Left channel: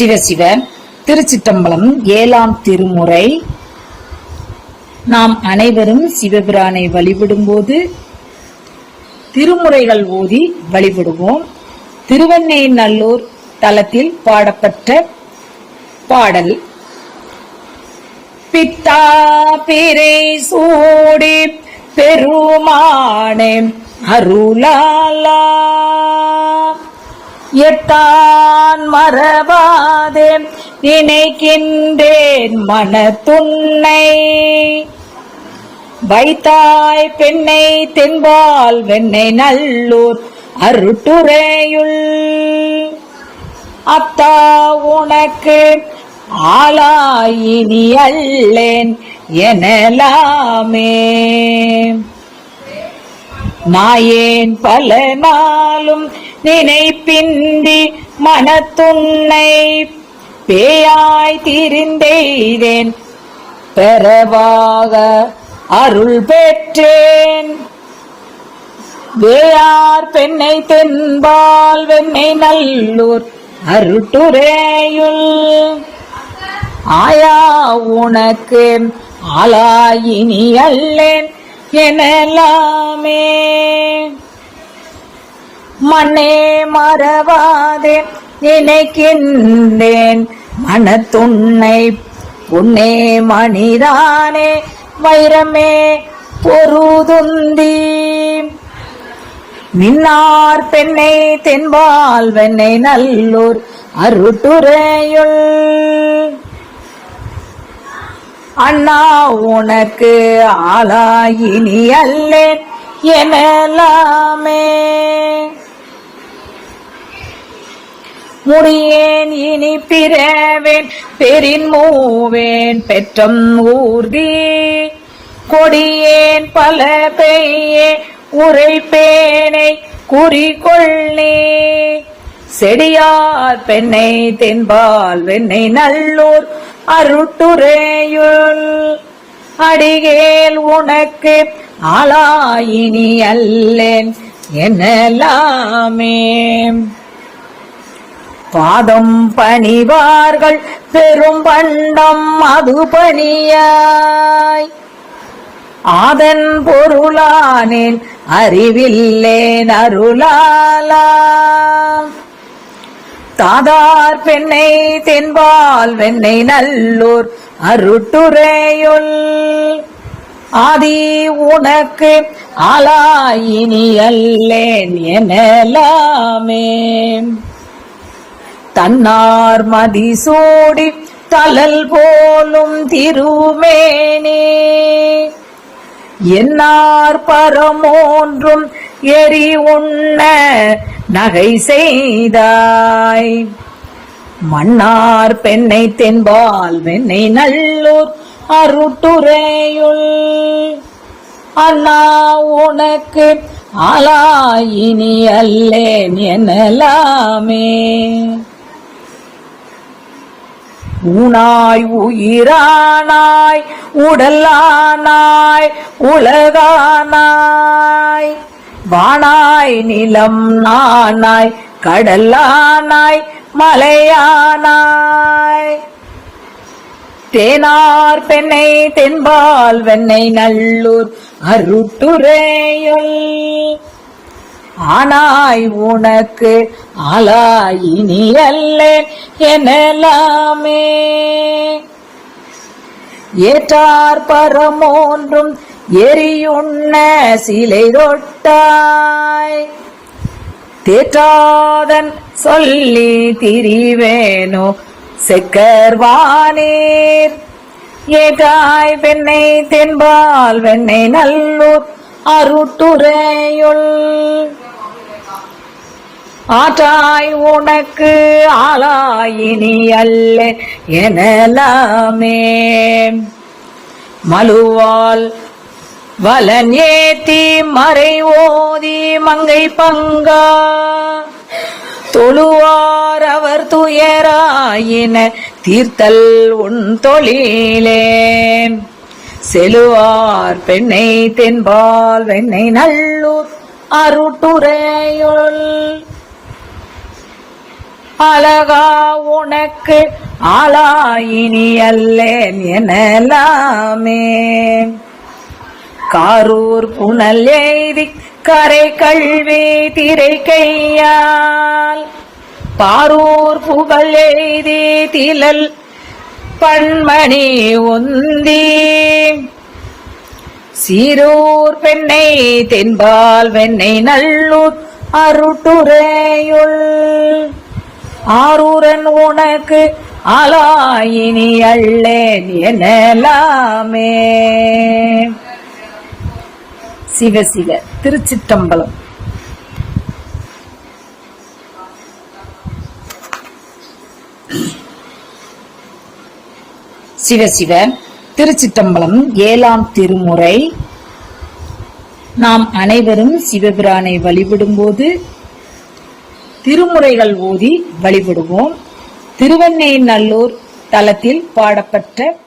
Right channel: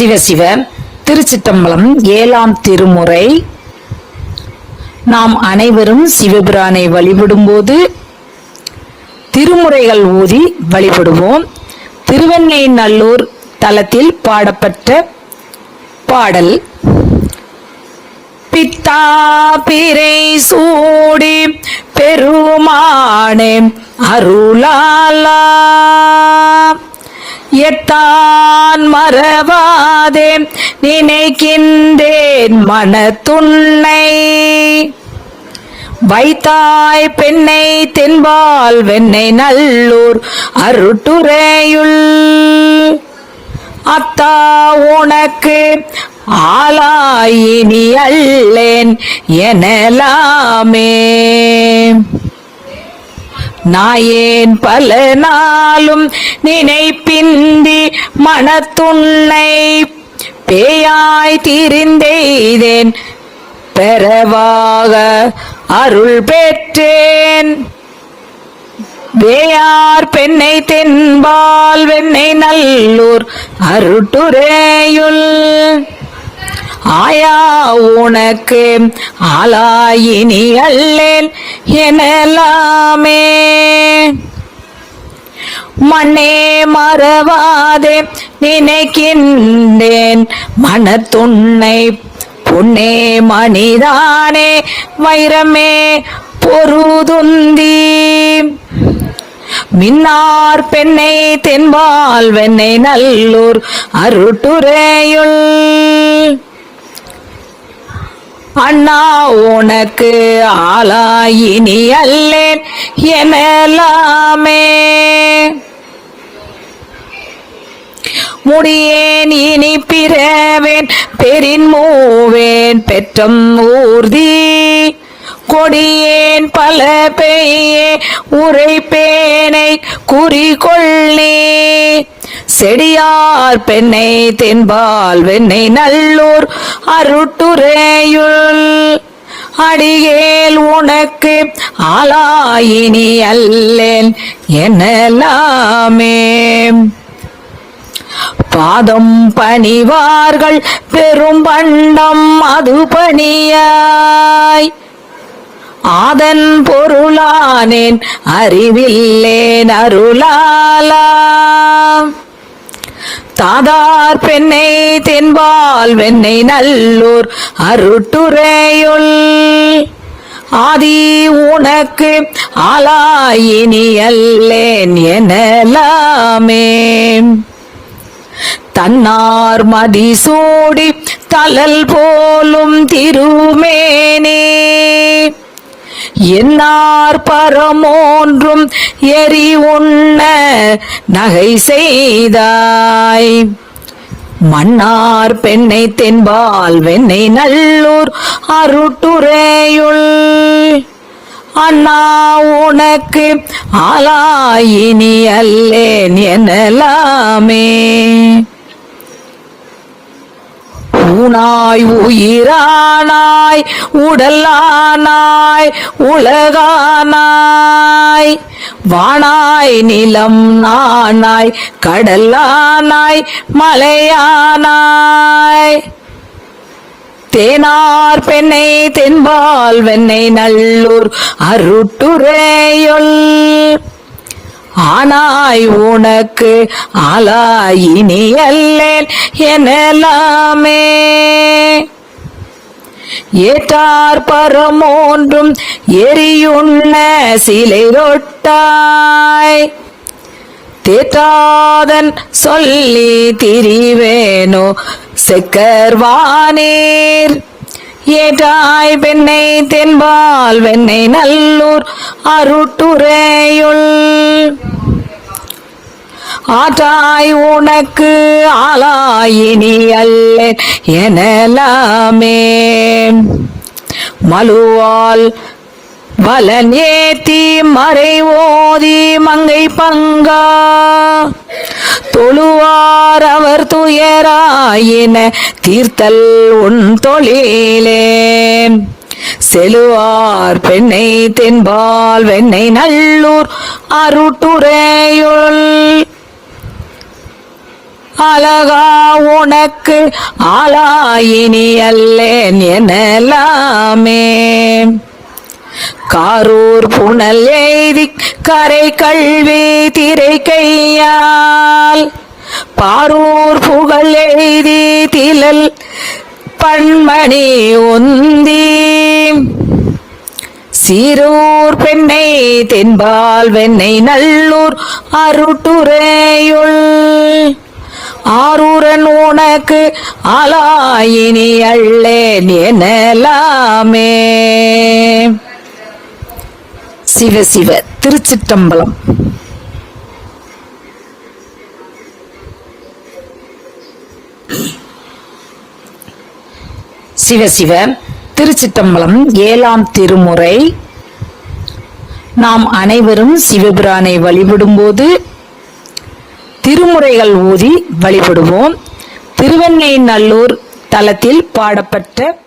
சிவசிவ திருச்சிட்டம்பலம் ஏழாம் திருமுறை. நாம் அனைவரும் சிவபிரானை வழிபடும்போது திருமுறைகள் ஓதி வழிபடுவோம். திருவெண்ணெய்நல்லூர் தலத்தில் பாடப்பட்ட பாடல் பித்தா பிறை சூடி பெருமானே அருளாலா எத்தான் மறவாதே நினைக்கின்றேன் மனத்துன்னை வைத்தாய் பெண்ணை தென்பால் வெண்ணை நல்லூர் அருட்டுரையுள். அத்தா உனக்கு ஆளாயினி அல்லேன் எனலாமே. நாயேன் பல நாளும் நினைப்பிந்தி மனத்துண்ணை பேயாய் திரிந்தெய்தேன். பெறவாக அருள் பெற்றேன். வேயார் பெண்ணை தென்பால் வெண்ணை நல்லூர் அருட்டுரேயுள். ஆயா உனக்கு ஆளாயினி அல்லேன் எனலாமே. மண்ணே மறவாதே நினைக்கின்றேன் மனத்துண்ணை பொன்னே மணிதானே வைரமே பொருதுந்தி. மின்னார் பெண்ணை தென்பால் வெண்ணை நல்லூர் அருட்டுரையுள். அண்ணா உனக்கு ஆளாயினி அல்லேன் எனலாமே. முடியேன் இனி பிறவேன் பெரின் மூவேன் பெற்றம் ஊர்தி. கொடியேன் பல பெய்யே உரைப்பேனை குறிகொள்ளி செடியார் பெண்ணை தென்பால் வெண்ணை நல்லூர் அருட்டுரையுள். அடியேல் உனக்கு ஆளாயினி அல்லேன் என்னலாமே பாதம் பணிவார்கள் பெரும் பண்டம் அது பணியாய். ஆதன் பொருளானேன் அறிவில்லேன் அருளாலாம் தாதார் பெண்ணை தென்பால் வெண்ணை நல்லூர் அருட்டுரையுள். ஆதி உனக்கு ஆளாயினியல்லேன் எனலாமே. தன்னார் மதிசூடி தலல் போலும் திருமேனே. என்னார் பரமோன்றும் எரி உண்ண நகை செய்தாய். மன்னார் பெண்ணை தென்பால் வெண்ணை நல்லூர் அருட்டுரையுள். அண்ணா உனக்கு ஆலாயினி அல்லேன் எனலாமே. ஊனாய் உயிரானாய் உடலானாய் உலகானாய். வானாய் நிலம் நானாய் கடலானாய் மலையானாய். தேனார் பெண்ணை தென்பால் வெண்ணை நல்லூர் அருட்டுரையுள் ஆனாய் உனக்கு ஆலாயினியல் எனலாமே. ஏற்றார் பரமோன்றும் எரியுண்ண சிலை ரொட்டாய். தேற்றாதன் சொல்லி திரிவேனோ செக்கர்வானீர் ஏற்றாய் பெண்ணை தென்பால் வெண்ணை நல்லூர் அருட்டுரையுள் ஆற்றாய் உனக்கு ஆளாயினி அல்ல எனலாமே. மலுவால் வலன் ஏத்தி மறை ஓதி மங்கை பங்கா. தொழுவார் அவர் துயராயின தீர்த்தல் உன் தொழிலே. செலுவார் பெண்ணை தென்பால் வெண்ணை நல்லூர் அருட்டுரை உனக்கு ஆளாயினி அல்லேன் எனலாமே காரூர் புனல் எய்தி கரை கல்வி திரை கையால் பாரூர் புகழ் எய்தி திலல் பண்மணி உந்தி. சீரூர் பெண்ணை தென்பால் வெண்ணை நல்லூர் அருட்டுரையுள் ஆரூரன் உனக்கு ஆளாயினி அள்ளேன் எனலாமே சிவ சிவ திருச்சிட்டம்பலம் சிவ சிவ திருச்சிட்டம்பலம் ஏழாம் திருமுறை. நாம் அனைவரும் சிவபிரானை வழிபடும்போது திருமுறைகள் ஓதி வழிபடுவோம். திருவெண்ணை நல்லூர் தலத்தில் பாடப்பட்ட